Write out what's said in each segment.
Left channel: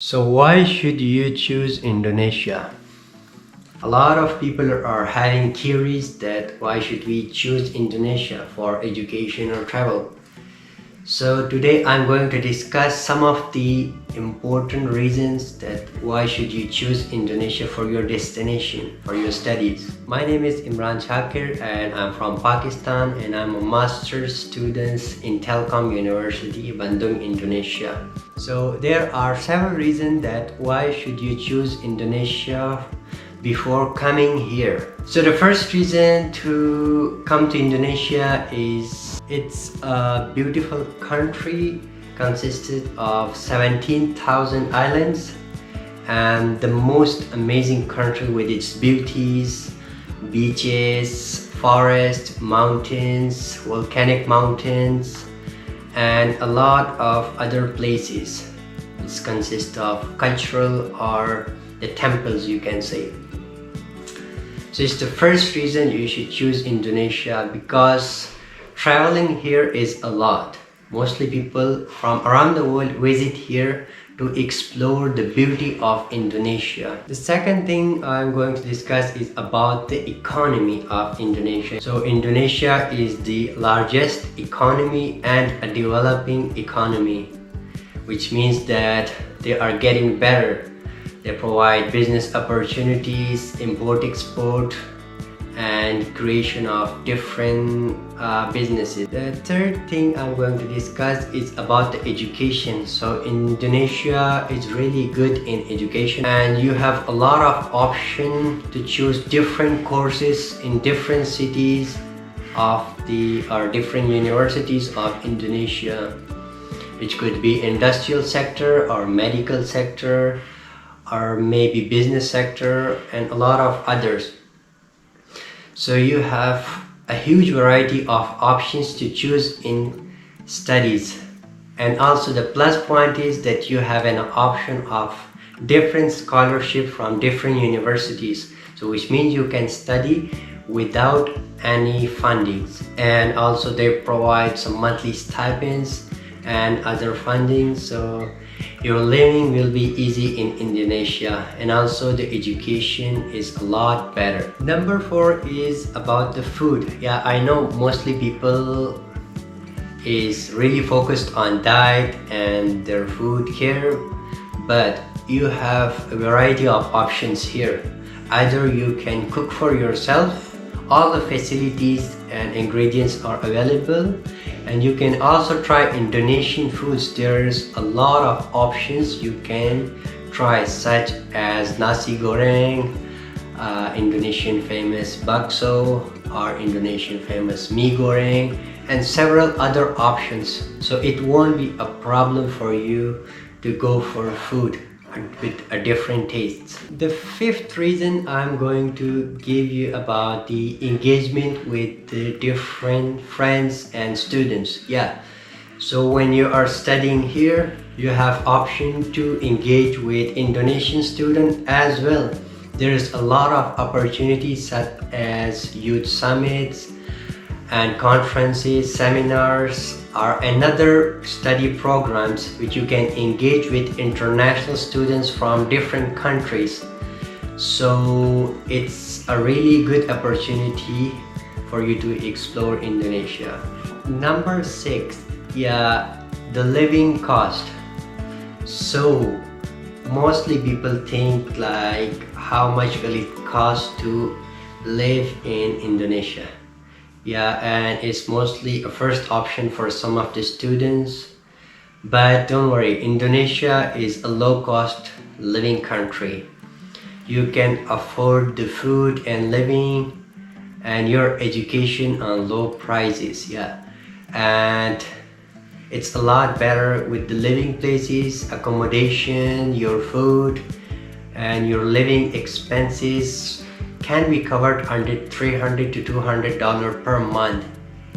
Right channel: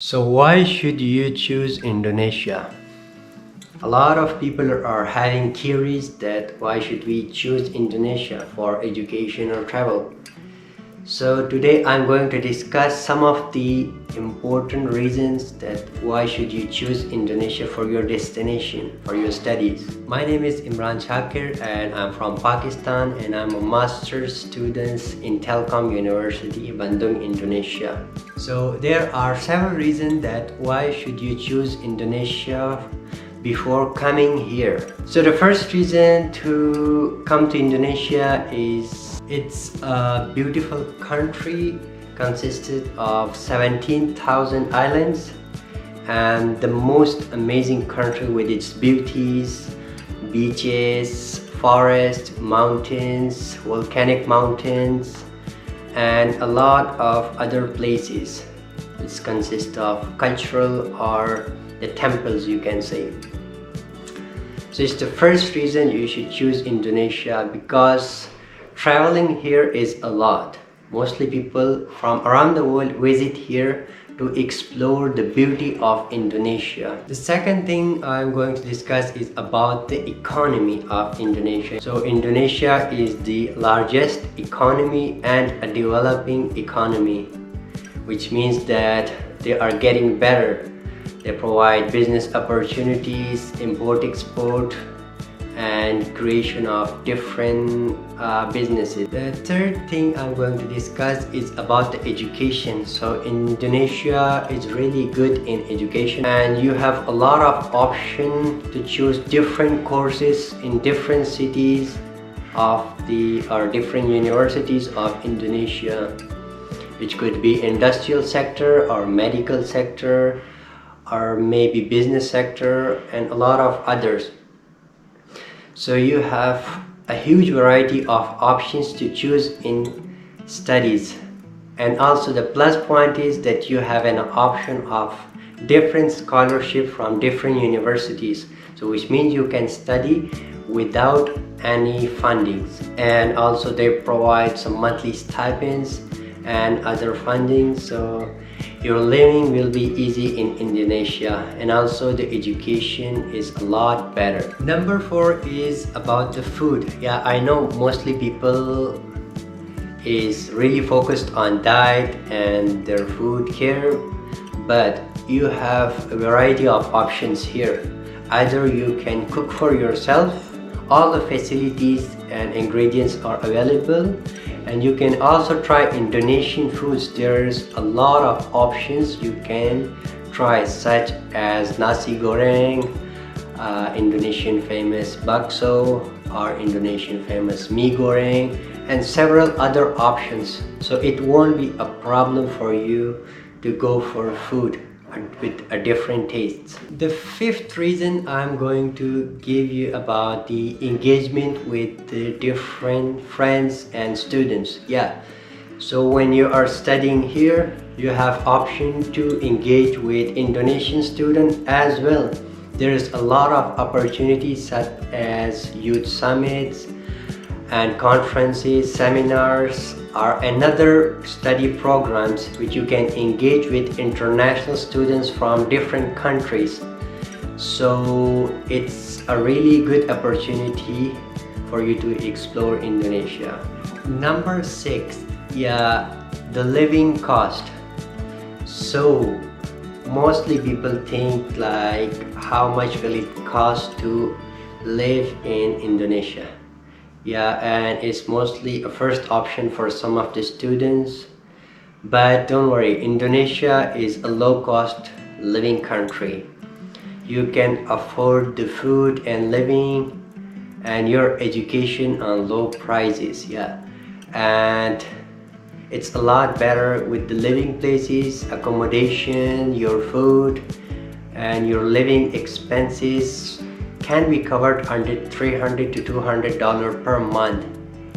So why should you choose Indonesia? A lot of people are having theories that why should we choose Indonesia for education or travel. So today I'm going to discuss some of the important reasons that why should you choose Indonesia for your destination, for your studies. My name is Imran Shakir and I'm from Pakistan and I'm a master's student in Telkom University, Bandung, Indonesia. So there are several reasons that why should you choose Indonesia before coming here. So the first reason to come to Indonesia is it's a beautiful country consisted of 17,000 islands and the most amazing country with its beauties, beaches, forests, mountains, volcanic mountains and a lot of other places. It consists of cultural or the temples, you can say. So it's the first reason you should choose Indonesia, because traveling here is a lot. Mostly people from around the world visit here to explore the beauty of Indonesia. The second thing I'm going to discuss is about the economy of Indonesia. So Indonesia is the largest economy and a developing economy, which means that they are getting better. They provide business opportunities, import-export, and creation of different businesses. The third thing I'm going to discuss is about the education. So Indonesia is really good in education and you have a lot of options to choose different courses in different cities of different universities of Indonesia, which could be industrial sector or medical sector or maybe business sector and a lot of others. So you have a huge variety of options to choose in studies, and also the plus point is that you have an option of different scholarship from different universities, so which means you can study without any fundings, and also they provide some monthly stipends and other funding, so your living will be easy in Indonesia, and also the education is a lot better. Number 4 is about the food. Yeah, I know mostly people is really focused on diet and their food here, but you have a variety of options here. Either you can cook for yourself, all the facilities and ingredients are available, and you can also try Indonesian foods. There's a lot of options you can try, such as nasi goreng, Indonesian famous bakso, or Indonesian famous mie goreng, and several other options. So it won't be a problem for you to go for food with a different tastes. The fifth reason I'm going to give you about the engagement with the different friends and students. Yeah, so when you are studying here, you have option to engage with Indonesian students as well. There's a lot of opportunities such as youth summits and conferences, seminars, or another study programs which you can engage with international students from different countries. So it's a really good opportunity for you to explore Indonesia. Number 6, yeah, the living cost. So mostly people think like how much will it cost to live in Indonesia. Yeah, and it's mostly a first option for some of the students, but don't worry, Indonesia is a low-cost living country. You can afford the food and living and your education on low prices. Yeah, and it's a lot better with the living places, accommodation, your food and your living expenses can be covered under $300 to $200 per month,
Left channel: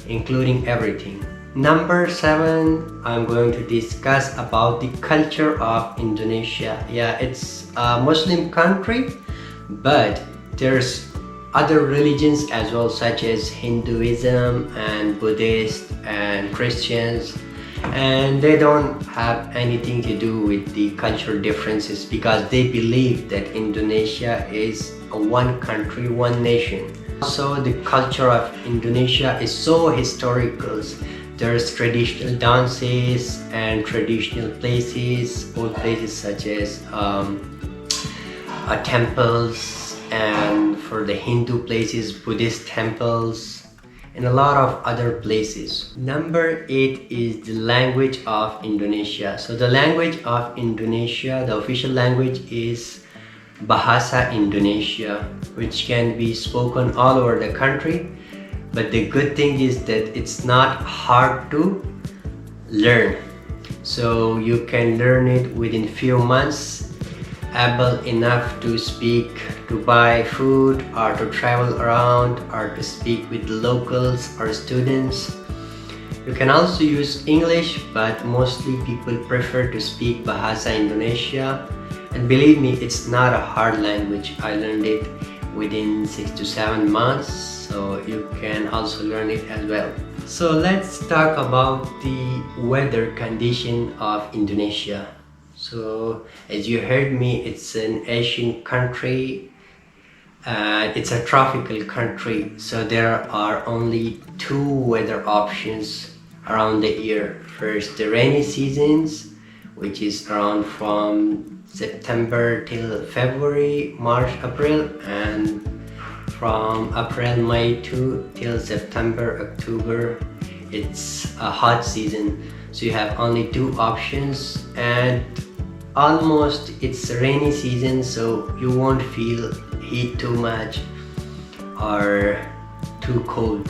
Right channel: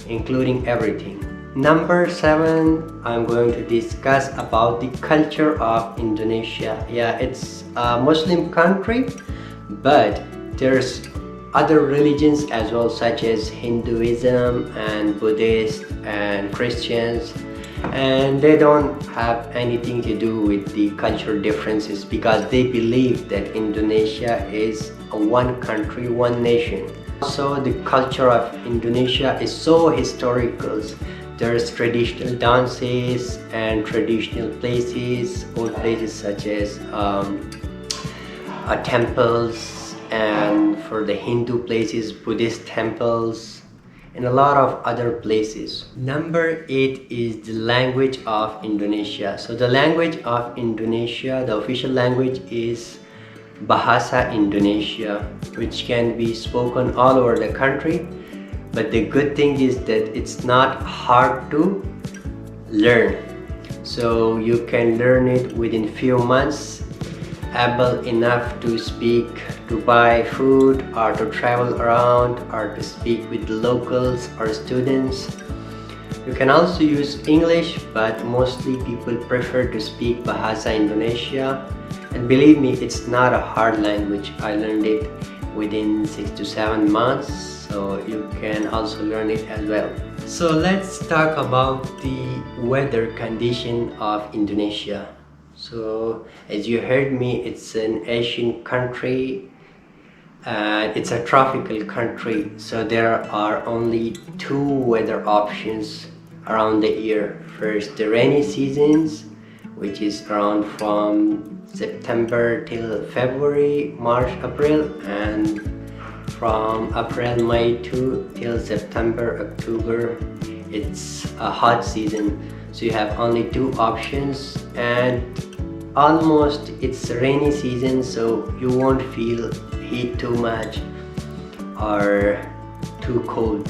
including everything. Number 7, I'm going to discuss about the culture of Indonesia. Yeah, it's a Muslim country, but there's other religions as well, such as Hinduism and Buddhist and Christians and they don't have anything to do with the cultural differences because they believe that Indonesia is a one country, one nation. Also, the culture of Indonesia is so historical. There's traditional dances and traditional places, old places such as temples, and for the Hindu places, Buddhist temples, and a lot of other places. Number 8 is the language of Indonesia. So the language of Indonesia, the official language is Bahasa Indonesia, which can be spoken all over the country. But the good thing is that it's not hard to learn. So you can learn it within few months, able enough to speak, to buy food, or to travel around, or to speak with the locals or students. You can also use English, but mostly people prefer to speak Bahasa Indonesia. And believe me, it's not a hard language. I learned it within 6 to 7 months, so you can also learn it as well. So let's talk about the weather condition of Indonesia. So as you heard me, it's an Asian country and it's a tropical country, so there are only 2 weather options around the year. First, the rainy seasons, which is around from September till February, March, April, and from April, May till September, October, it's a hot season. So you have only 2 options, and almost it's a rainy season, so you won't feel heat too much or too cold.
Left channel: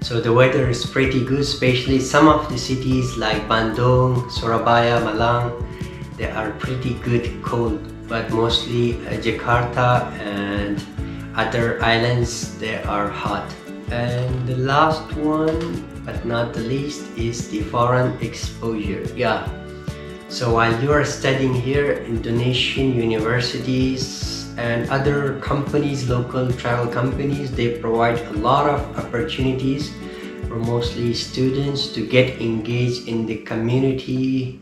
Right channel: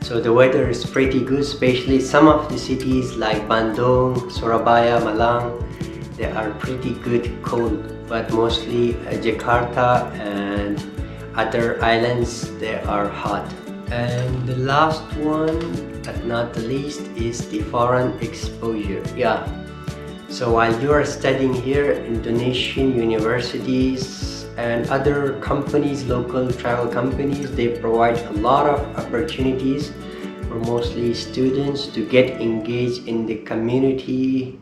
So the weather is pretty good, especially some of the cities like Bandung, Surabaya, Malang, they are pretty good cold, but mostly Jakarta and other islands, they are hot. And the last one, but not the least, is the foreign exposure. Yeah, so while you are studying here, Indonesian universities and other companies, local travel companies, they provide a lot of opportunities for mostly students to get engaged in the community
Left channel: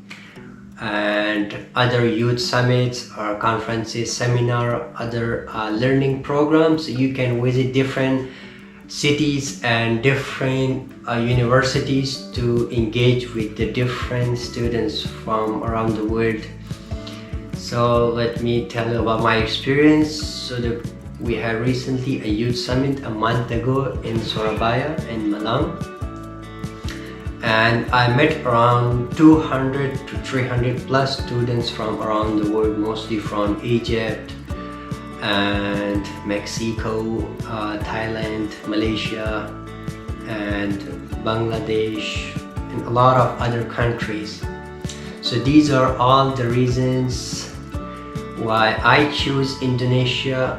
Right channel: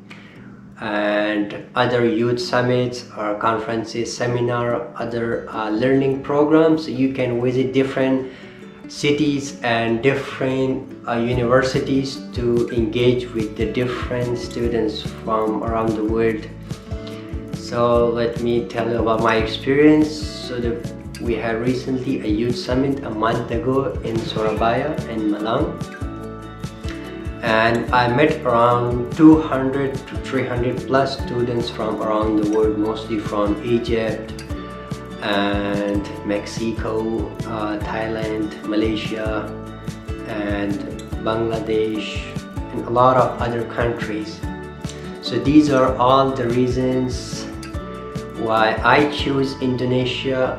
and other youth summits or conferences, seminar, other learning programs. You can visit different cities and different universities to engage with the different students from around the world. So let me tell you about my experience. So we had recently a youth summit a month ago in Surabaya and Malang, and I met around 200 to 300 plus students from around the world, mostly from Egypt and Mexico, Thailand, Malaysia, and Bangladesh, and a lot of other countries. So these are all the reasons why I choose Indonesia,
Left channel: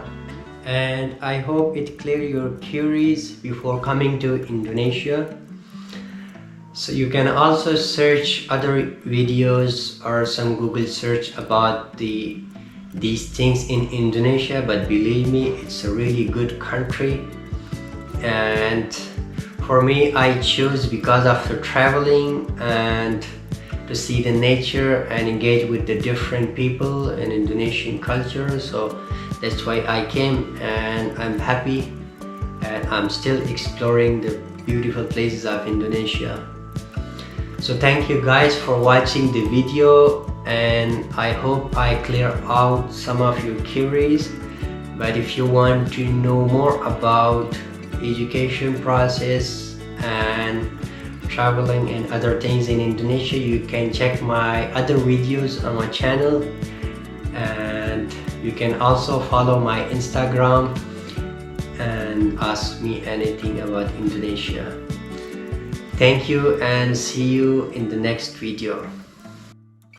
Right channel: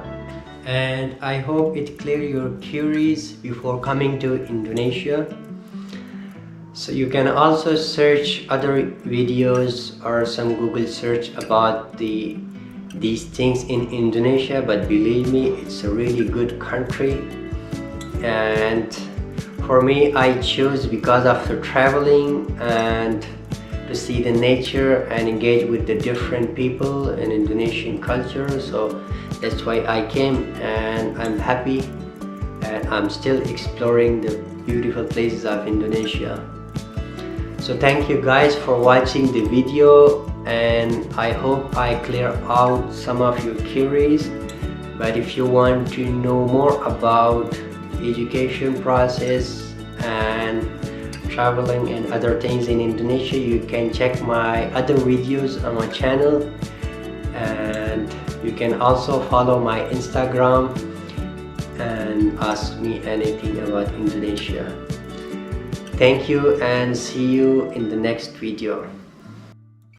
and I hope it cleared your queries before coming to Indonesia. So you can also search other videos or some Google search about these things in Indonesia, but believe me, it's a really good country. And for me, I choose because of the traveling and to see the nature and engage with the different people and Indonesian culture. So that's why I came, and I'm happy, and I'm still exploring the beautiful places of Indonesia. So thank you guys for watching the video, and I hope I clear out some of your queries. But if you want to know more about education process and traveling and other things in Indonesia, you can check my other videos on my channel, and you can also follow my Instagram and ask me anything about Indonesia. Thank you, and see you in the next video.